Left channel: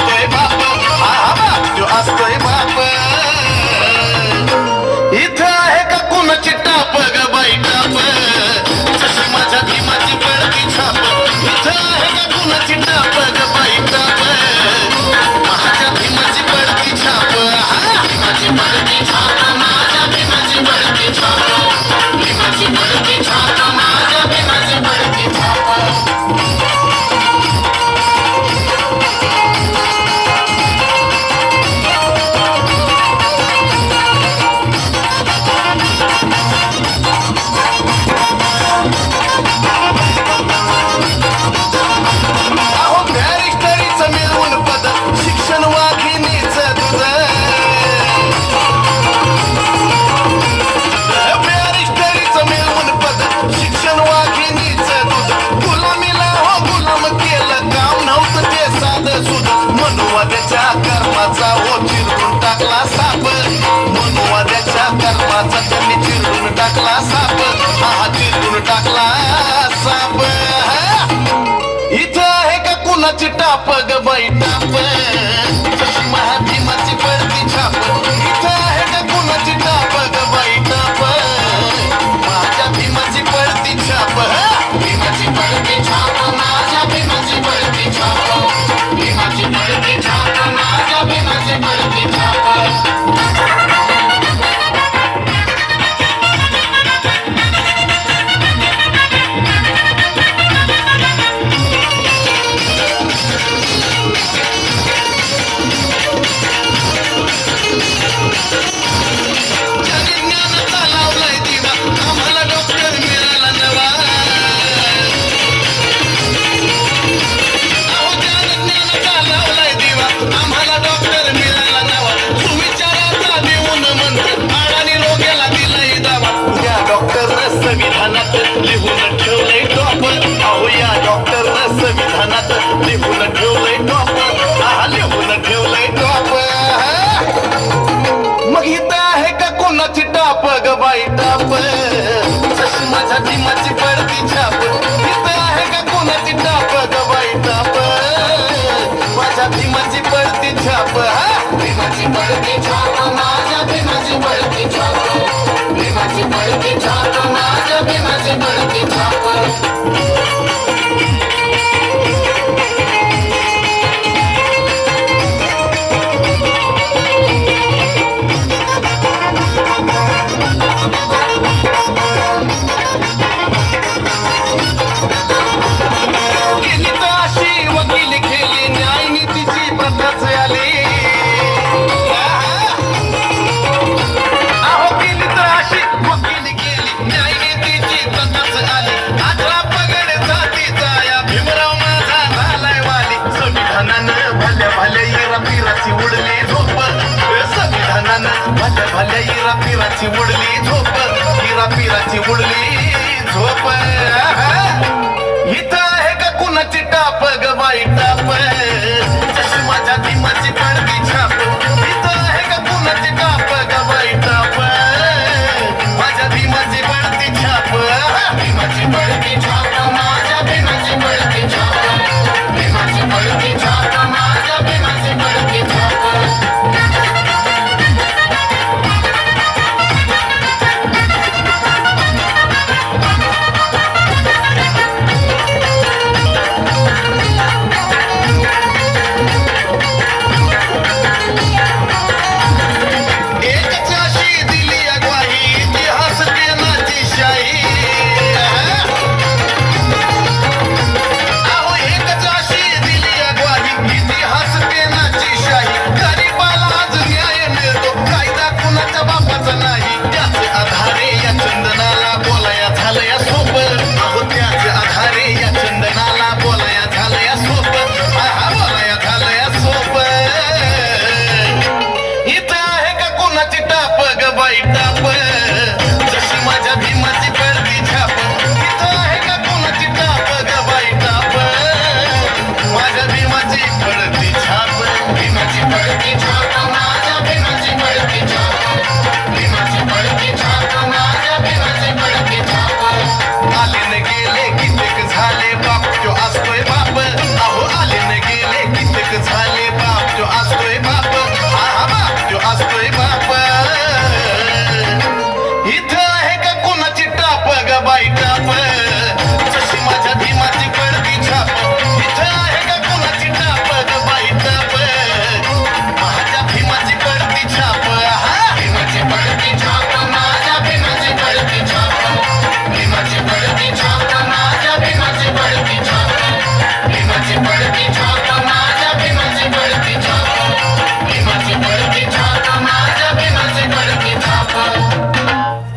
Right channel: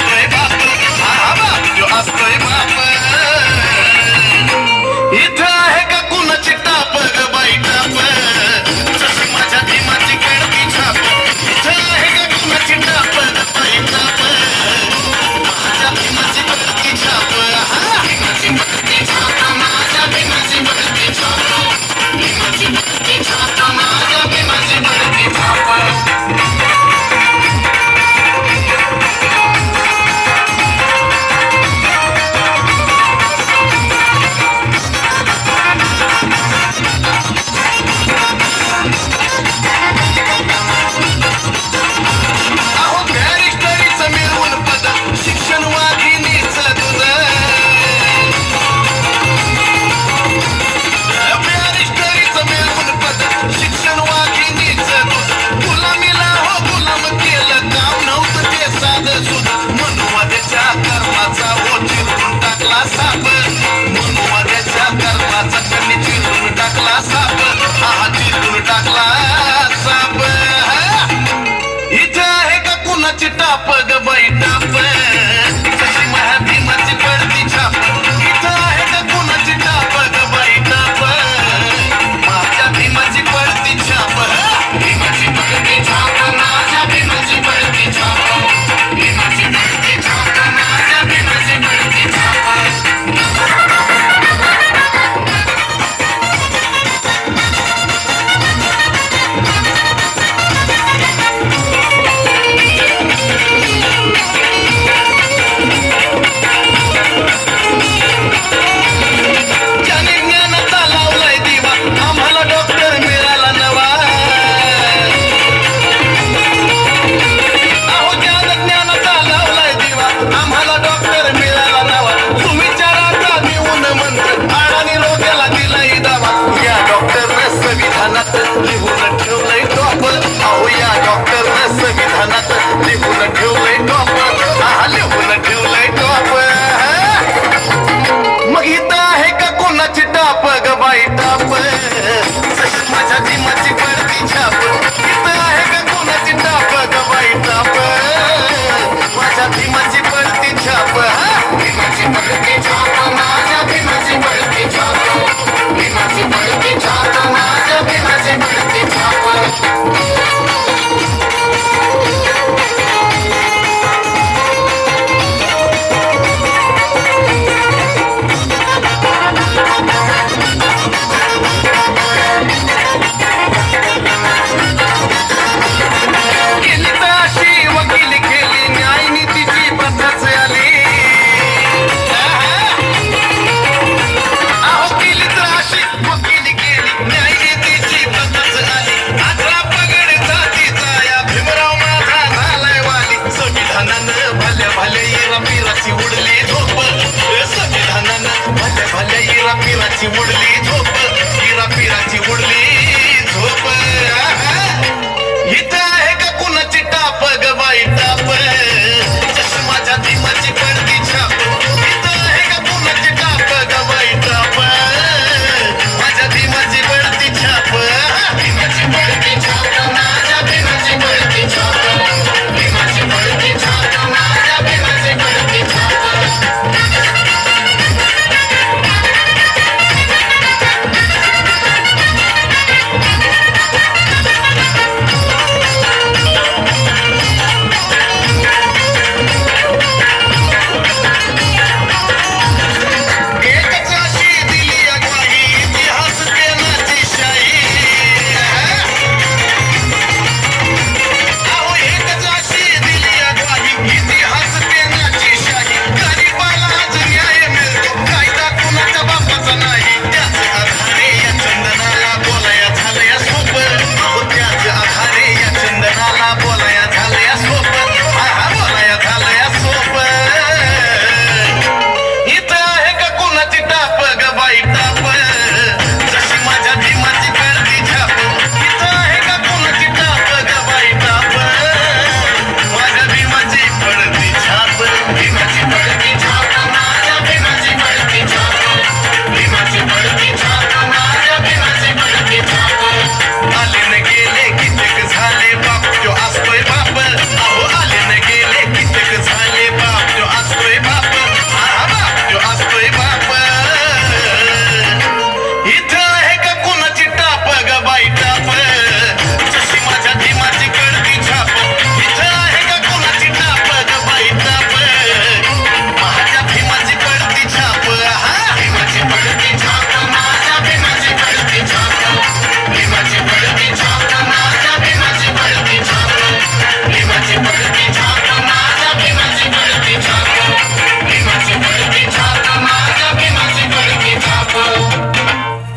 असतोय बाप, हा बाप यो असतोय बाप. इथं आहे का कुणाची टाप ग बाई टाप, जशी माझ्या भीमाची पडती छाप. इथं आहे का कुणाची टाप ग बाई टाप, माझ्या भीमाची पडती छाप. भीमाची पडती छाप, माझ्या भीमाची पडती छाप. भीमाची पडती छाप, माझ्या भीमाची पडती छाप. शिक्षण वाघिणीचं दूध, बॅरिस्टरीचं मिळवून पद, शिक्षण वाघिणीचं दूध. गुलामीला हो गुलाम केलं, काम नव्हतं ते साधं सुध. मनुवाद्याच्या कर्माचा हो चिरून टाकला साप, मनुवाद्याच्या कर्माचा त्यांनी चिरून टाकला साप. हा चिरून टाकला साप. इथं आहे का कुणाची टाप ग बाई टाप, जशी माझ्या भीमाची पडती छाप. इथं आहे का कुणाची टाप ग बाई टाप, माझ्या भीमाची पडती छाप. भीमाची पडती छाप, माझ्या भीमाची पडती छाप. भीमाची पडती छाप, माझ्या भीमाची पडती छाप. संविधानात लिहून ठेवलंय टॉप, अहो या डॉक्टरनं संविधानात लिहून ठेवलंय टॉप. हा लिहून ठेवलंय टॉप. मग इथं आहे का कोणाची टाप ग बाई टाप, जशी माझ्या भीमाची पडती छाप. इथं आहे का कोणाची टाप ग बाई टाप, माझ्या भीमाची पडती छाप. भीमाची पडती छाप, माझ्या भीमाची पडती छाप. भीमाची पडती छाप, माझ्या भीमाची पडती छाप. केली तर अशी वकिली केली, न्याय नीतीची पद्धत आली. अहो केली तर अशी वकिली केली, न्याय नीतीची पद्धत आली. आता पगड जातीचा या भीमराव माझा झालाय वाली. संविधानानं भल्या भल्या येरा पिराची उडली झोप, संविधानानं भल्या भल्या येरा पिराची उडली झोप. येरा पिराची उडली झोप. इथं आहे का कुणाची टाप ग बाई टाप,